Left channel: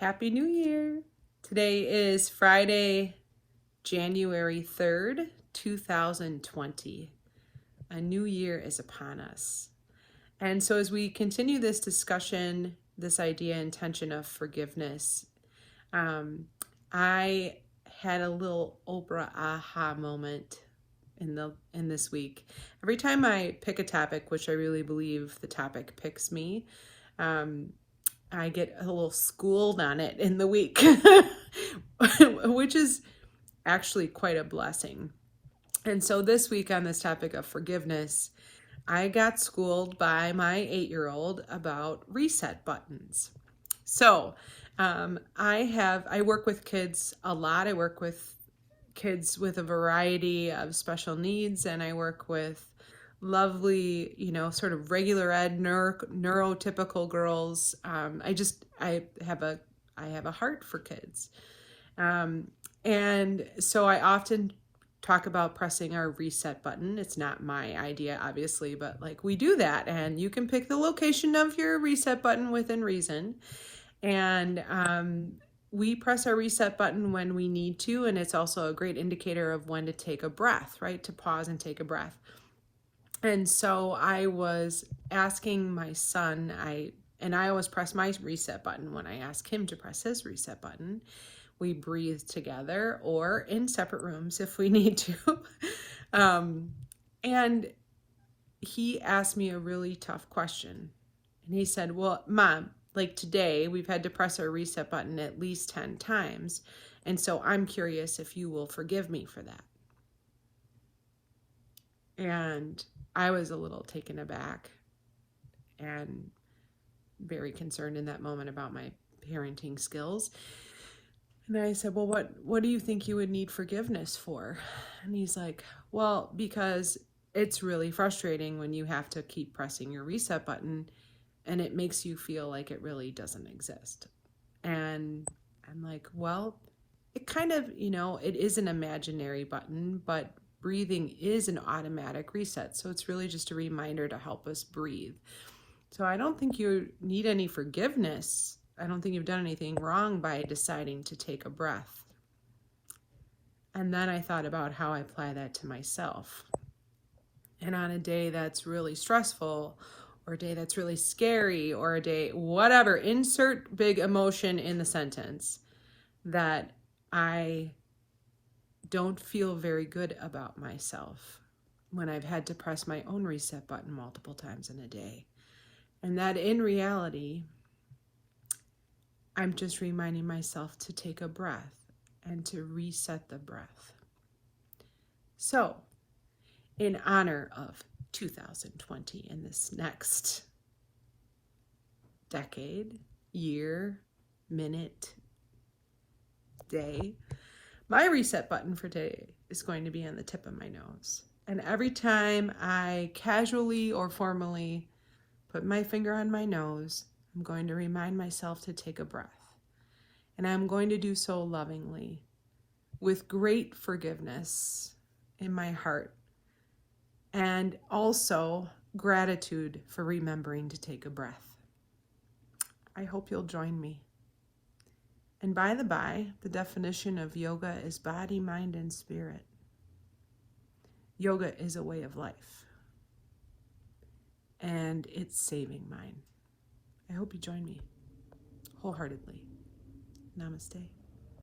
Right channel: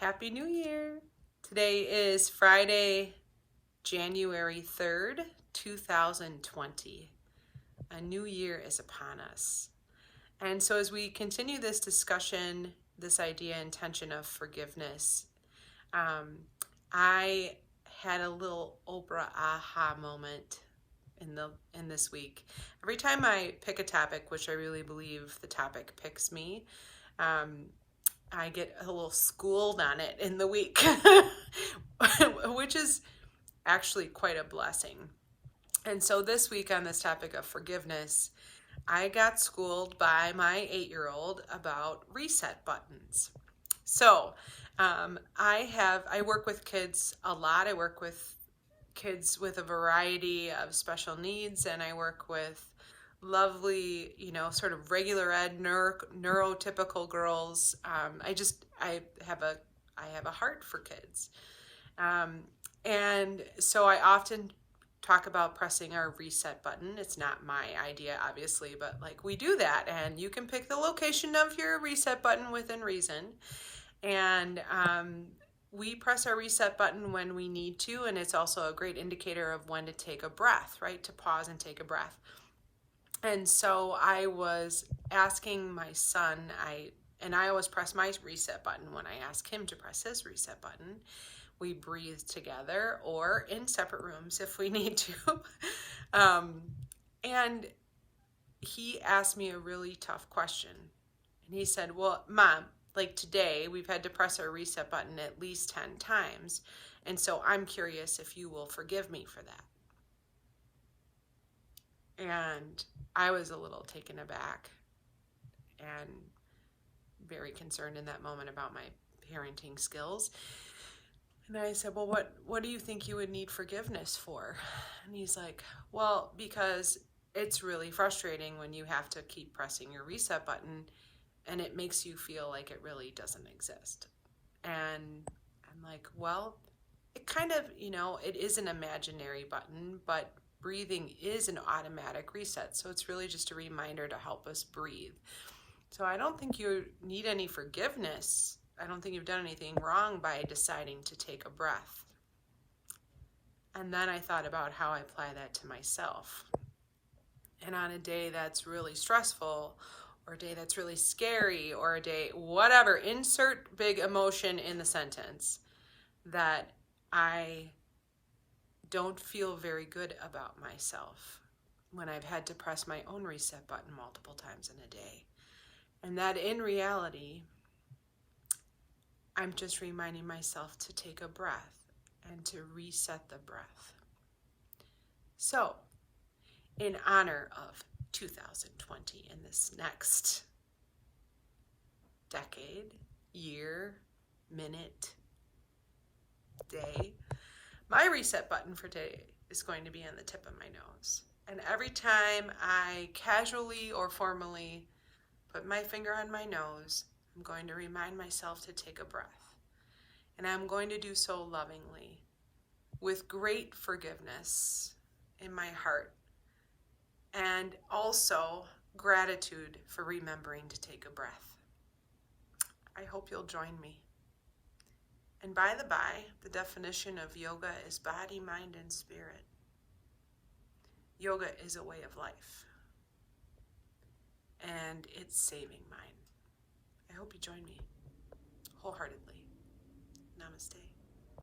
Happy New Year! Today is Friday, January 3rd, 2020. A new year is upon us. And so as we continue this discussion, this idea and intention of forgiveness, I had a little Oprah aha moment in this week. Every time I pick a topic, which I really believe the topic picks me, I get a little schooled on it in the week, which is actually quite a blessing. And so this week on this topic of forgiveness, I got schooled by my 8-year-old about reset buttons. So I work with kids a lot. I work with kids with a variety of special needs, and I work with lovely, sort of regular ed, neurotypical girls. I have a heart for kids. And so I often talk about pressing our reset button. It's not my idea, obviously, but like we do that, and you can pick the location of your reset button within reason. And we press our reset button when we need to, and it's also a great indicator of when to take a breath, right? To pause and take a breath. And so I was asking my son, I always press my reset button when I ask him to press his reset button. We breathe together or in separate rooms if we need to. And he asked me a really tough question. And he said, well, Mom, like today we've had to press our reset button at least 10 times. And so I'm curious if you will forgive me for that. And I was a little taken aback and very concerned in that moment about my parenting skills. And I said, well, what do you think you would need forgiveness for? And he's like, well, because it's really frustrating when you have to keep pressing your reset button and it makes you feel like it really doesn't exist. And I'm like, well, it kind of, it is an imaginary button, but breathing is an automatic reset. So it's really just a reminder to help us breathe. So I don't think you need any forgiveness. I don't think you've done anything wrong by deciding to take a breath. And then I thought about how I apply that to myself. And on a day that's really stressful, or a day that's really scary, or a day, whatever, insert big emotion in the sentence, that I don't feel very good about myself when I've had to press my own reset button multiple times in a day. And that in reality, I'm just reminding myself to take a breath and to reset the breath. So, in honor of 2020 and this next decade, year, minute, day, my reset button for today is going to be on the tip of my nose. And every time I casually or formally put my finger on my nose, I'm going to remind myself to take a breath. And I'm going to do so lovingly, with great forgiveness in my heart, and also gratitude for remembering to take a breath. I hope you'll join me. And by the by, the definition of yoga is body, mind, and spirit. Yoga is a way of life. And it's saving mine. I hope you join me wholeheartedly. Namaste.